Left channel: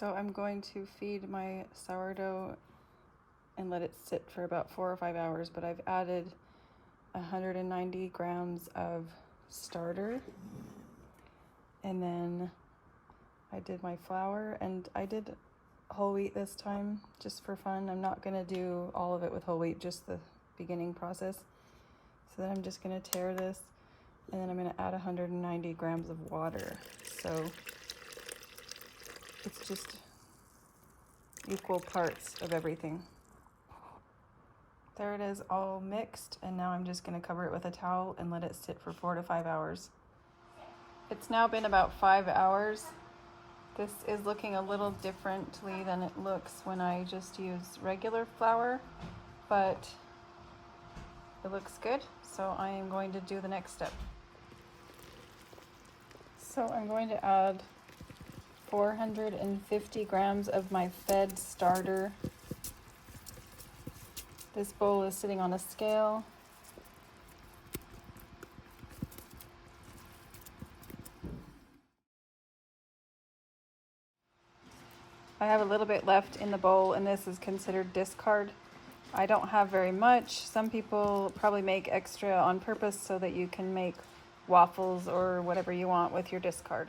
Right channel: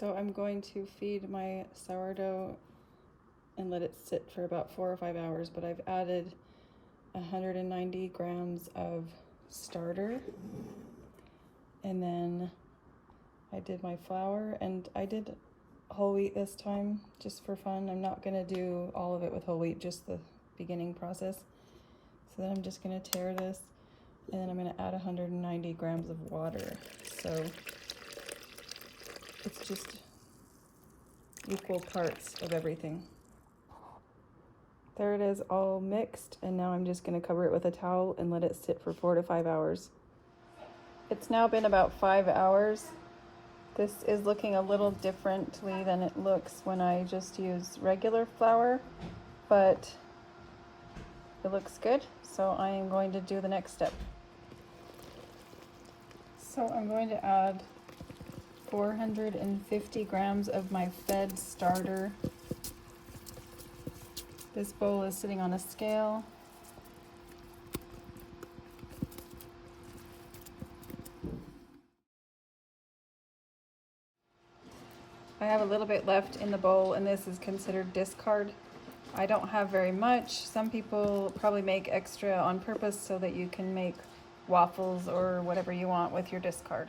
So I'm going to feed my sourdough and let it sit for about 4 or 5 hours, but I've added 190 grams of starter, and then I did my flour, and I did whole wheat this time just for fun. I'm not gonna do all of it with whole wheat, just the beginning process. So then I'm just gonna tear this, and then I'm gonna add 190 grams of water. So it's just equal parts of everything. There it is, all mixed, and now I'm just gonna cover it with a towel and let it sit for 4 to 5 hours. It's now been about 5 hours. This is looking a little differently than it looks when I just use regular flour, but it looks good, so I am going to do the next step. So I'm going to add 450 grams of my fed starter. This bowl is sitting on a scale. I have a little bit left in the bowl, and this is considered discard. I don't have very much. Some people probably make extra on purpose so that you can make waffles or whatever you want with your discard.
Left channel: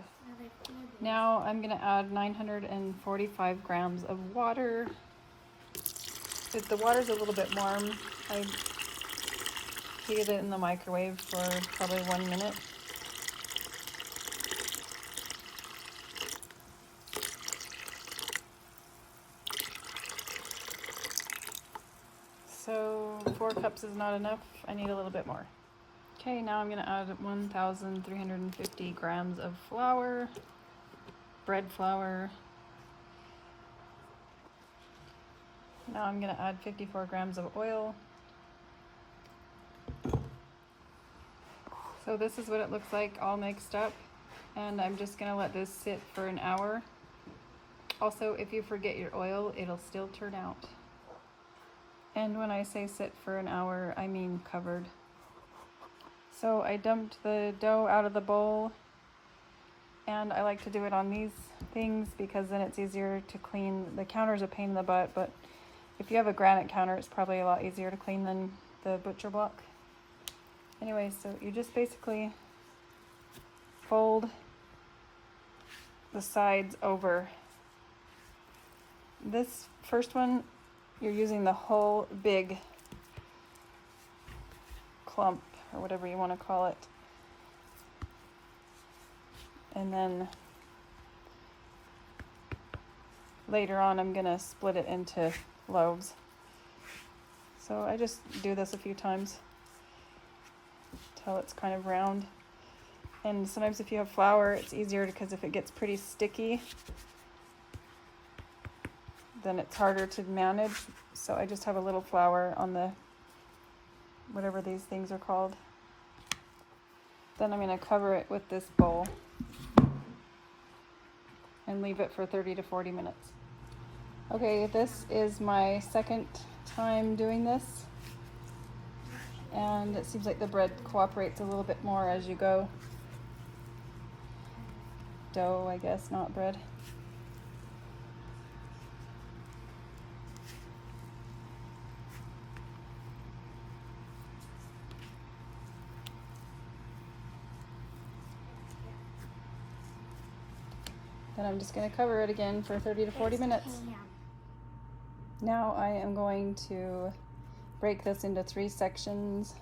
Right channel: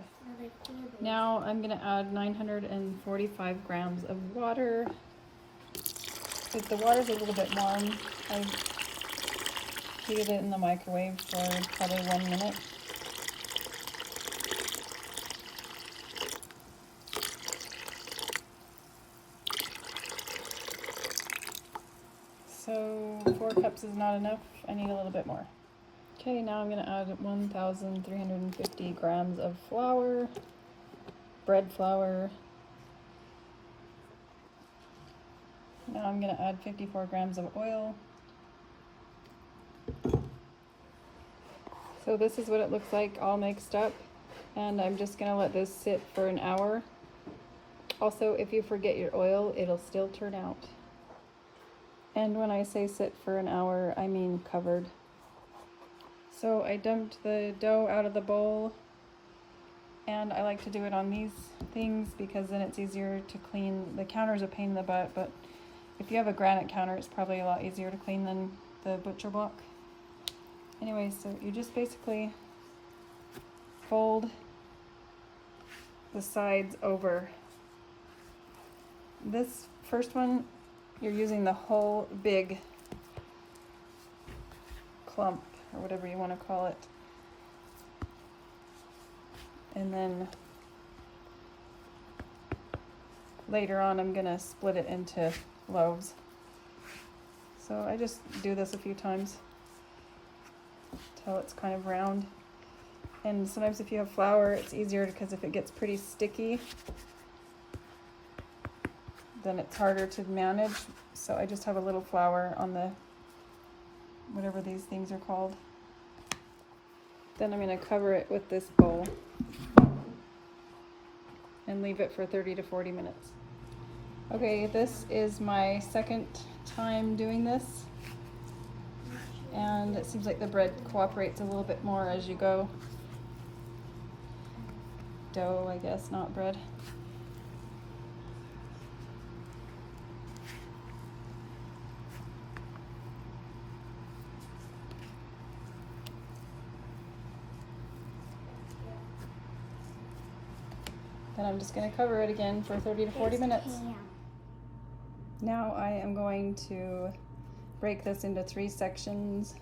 Now I'm gonna add 945 grams of water. If the water's a little bit warm, I heated it in the microwave for probably 1 minute. So 4 cups is not enough. I need a little bit more. Okay, now I'm gonna add 1,350 grams of flour, bread flour. Now I'm gonna add 54 grams of oil. So this is what it looks like all mixed up, and I'm just gonna let this sit for an hour. Also, if you forget your oil, it'll still turn out. And when I say sit for an hour, I mean covered. So I dumped the dough out of the bowl, and I like to do it on these things because then it's easier to clean. The counter's a pain in the butt, but if you have a granite counter, it's probably a lot easier to clean than the butcher block. Anyway, so you just basically fold the sides over. This first one, you're using the whole big clump, or whatever you want to call it. And then later on, I'm gonna split it into loaves. So I just do this a few times till it's kind of round. And sometimes if you have flour, it's easier because if it gets pretty sticky, then it's harder to manage. So I just have a little flour on the, whatever these things are called. Then I'm gonna cover it with this bowl and leave it for 30 to 40 minutes. Okay, this is my second time doing this, and it seems like the bread cooperates a little bit more as you go. Dough, I guess, not bread. Then I'm just going to cover it again for 30 to 40 minutes. Now I am going to break this into 3 sections,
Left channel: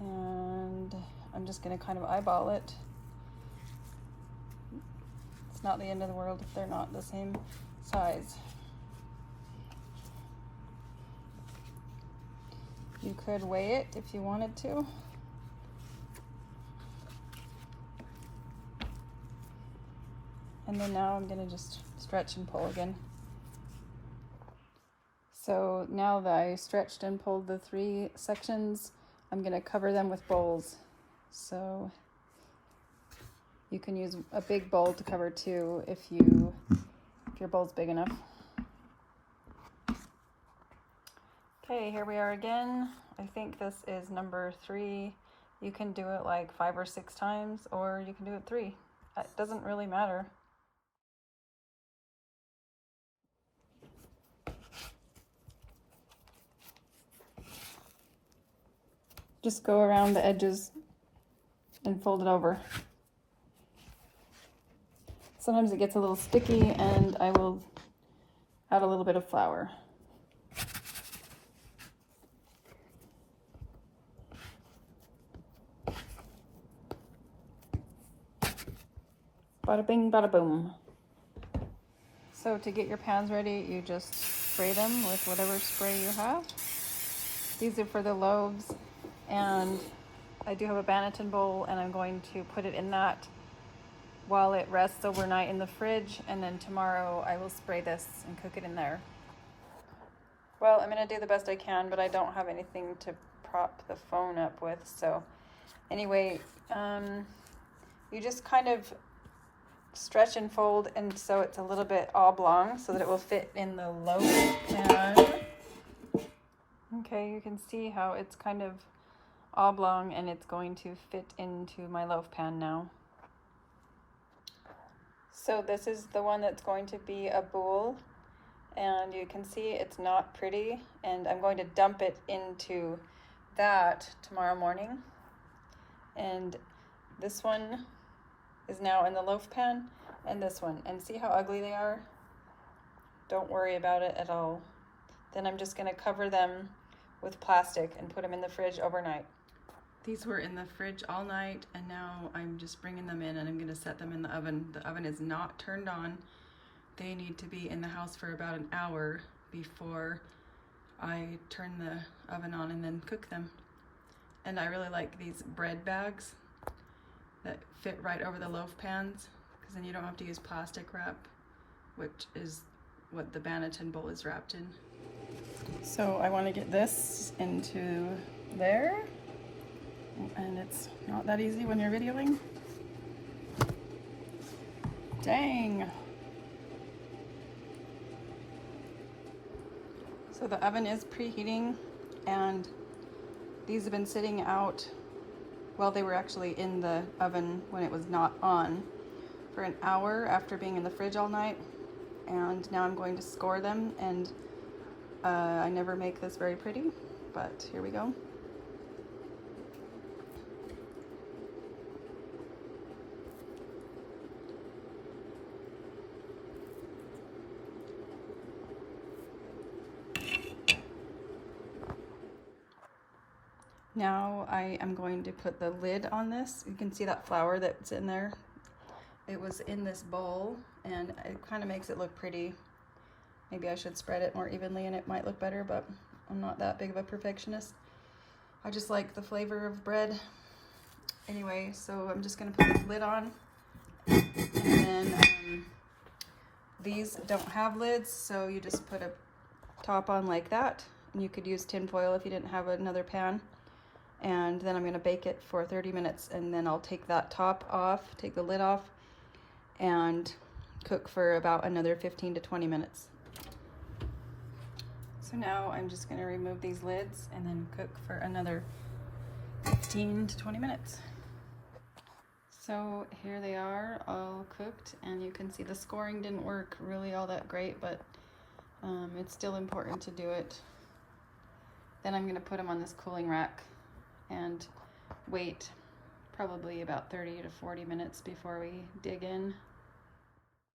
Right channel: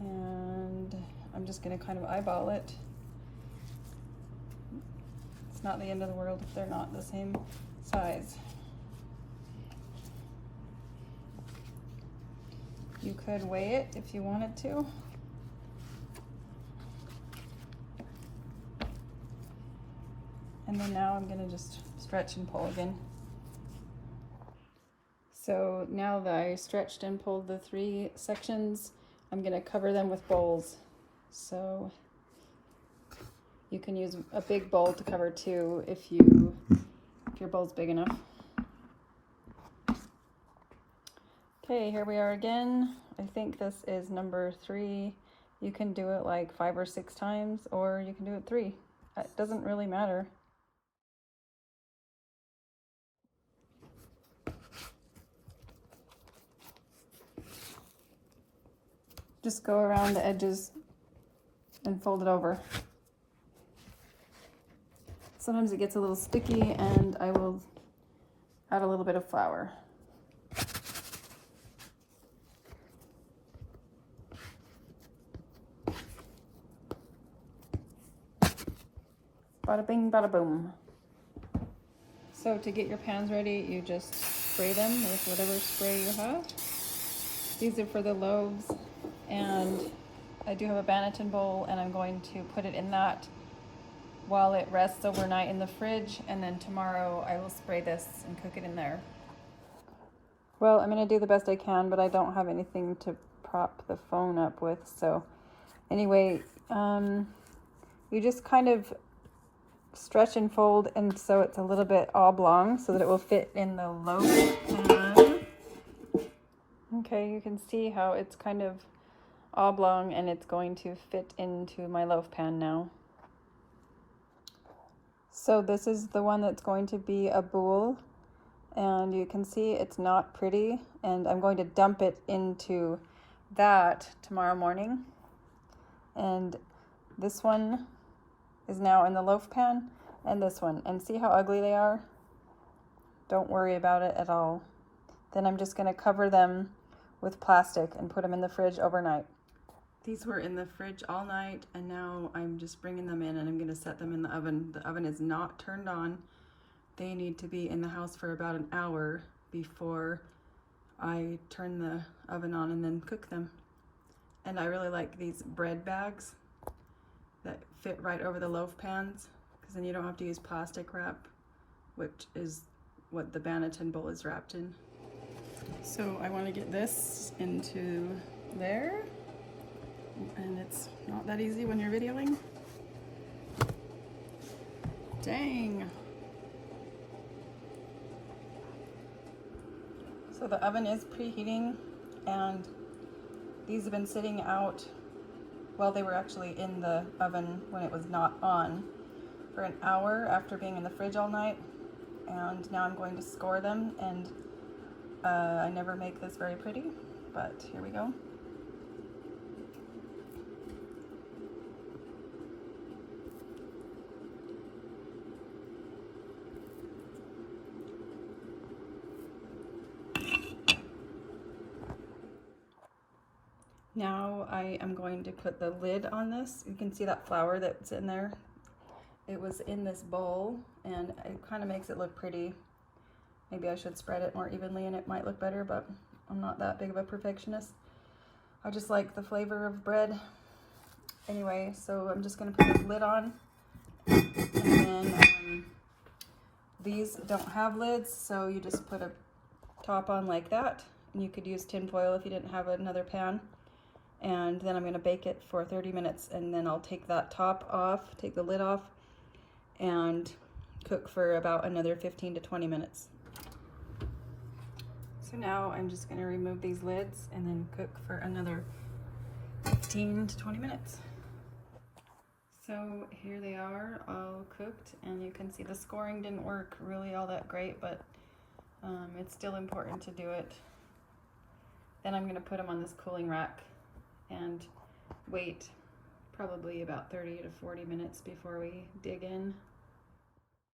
and I'm just going to kind of eyeball it. It's not the end of the world if they're not the same size. You could weigh it if you wanted to. And then now I'm gonna just stretch and pull again. So now that I stretched and pulled the 3 sections, I'm gonna cover them with bowls. So you can use a big bowl to cover 2 if your bowl's big enough. Okay, here we are again. I think this is number 3. You can do it like 5 or 6 times, or you can do it 3. It doesn't really matter. Just go around the edges and fold it over. Sometimes it gets a little sticky, and I will add a little bit of flour. Bada bing, bada boom. So to get your pans ready, you just spray them with whatever spray you have. These are for the loaves, and I do have a Banneton bowl, and I'm going to put it in that while it rests overnight in the fridge, and then tomorrow I will spray this and cook it in there. Well, I'm gonna do the best I can, but I don't have anything to prop the phone up with, so anyway, you just kind of stretch and fold, and so it's a little bit oblong so that it will fit in the loaf pan. Okay, you can see how it's kind of oblong, and it's going to fit into my loaf pan now. So this is the one that's going to be a boule, and you can see it's not pretty, and I'm going to dump it into that tomorrow morning. And this one is now in the loaf pan, and this one, and see how ugly they are? Don't worry about it at all. Then I'm just going to cover them with plastic and put them in the fridge overnight. These were in the fridge all night, and now I'm just bringing them in, and I'm going to set them in the oven. The oven is not turned on. They need to be in the house for about an hour before I turn the oven on and then cook them. And I really like these bread bags that fit right over the loaf pans, because then you don't have to use plastic wrap, which is what the Banneton bowl is wrapped in. So I want to get this into there, and it's not that easy when you're videoing. Dang. So the oven is preheating, and these have been sitting out, well, they were actually in the oven when it was not on, for an hour after being in the fridge all night. And now I'm going to score them, and I never make this very pretty, but here we go. Now I am going to put the lid on this. You can see that flour that's in there. It was in this bowl, and it kind of makes it look pretty. Maybe I should spread it more evenly and it might look better, but I'm not that big of a perfectionist. I just like the flavor of bread. Anyway, so I'm just gonna put this lid on, and then these don't have lids, so you just put a top on like that, and you could use tin foil if you didn't have another pan. And then I'm gonna bake it for 30 minutes, and then I'll take that top off, take the lid off, and cook for about another 15 to 20 minutes. So now I'm just gonna remove these lids and then cook for another 15 to 20 minutes. So here they are, all cooked, and you can see the scoring didn't work really all that great, but it's still important to do it. Then I'm gonna put them on this cooling rack and wait probably about 30 to 40 minutes before we dig in.